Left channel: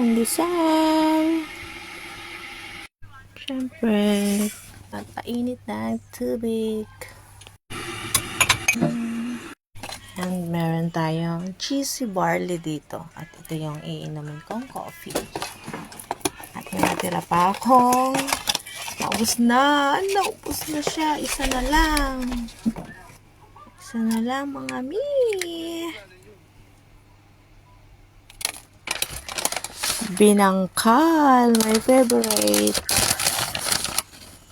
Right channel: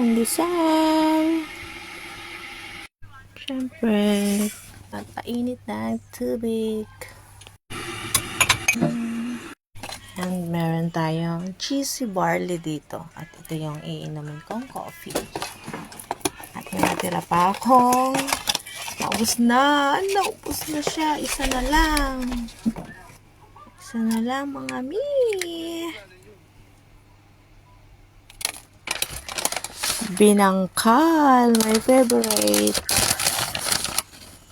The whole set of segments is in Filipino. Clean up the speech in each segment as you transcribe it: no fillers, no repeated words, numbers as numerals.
pandesal. Siyempre, papainit ng tubig. And meron tayong cheesy barley dito. At ito yung iinumin kong coffee. At may natira pa akong naubos na siya. Isa na lang. Isa na lang mga mi. Binangkal, my favorite.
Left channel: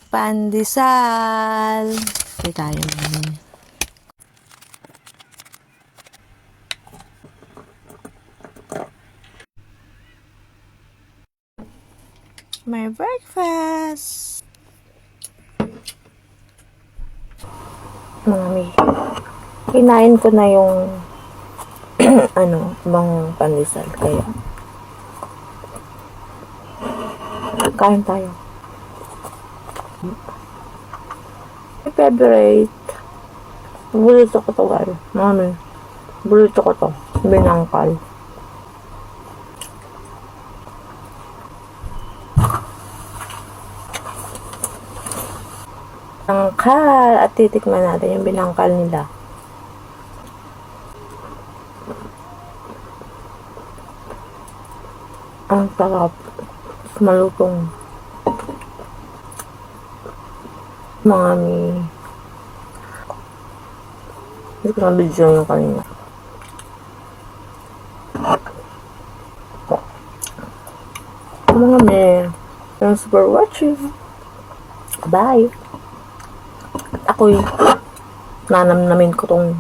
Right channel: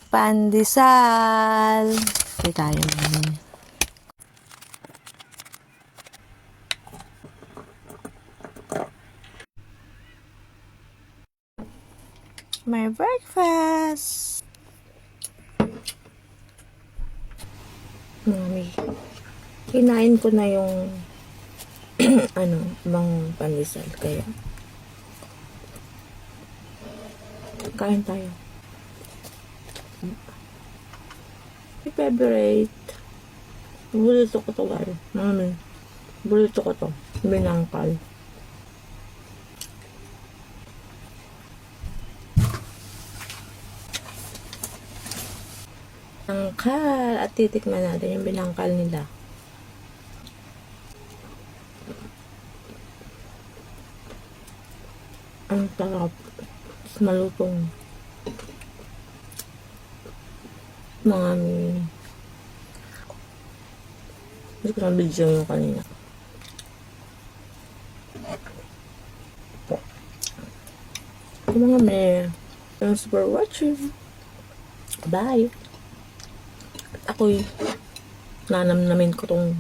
Pandesal. Ito tayo naman. My breakfast. Mami, kinain ko na yung ibang pandesal kaya kain tayo. My favorite. Burrito ko to, guys. Mami, burrito ko to. Binangkal. Binangkal. At titikman natin yung binangkal nila. Ang sarap. Malutong. Mami. Hindi ko na-video yung kanina. Mga me. Thanks for watching. Bye. Ako'y nanamnamin ko tong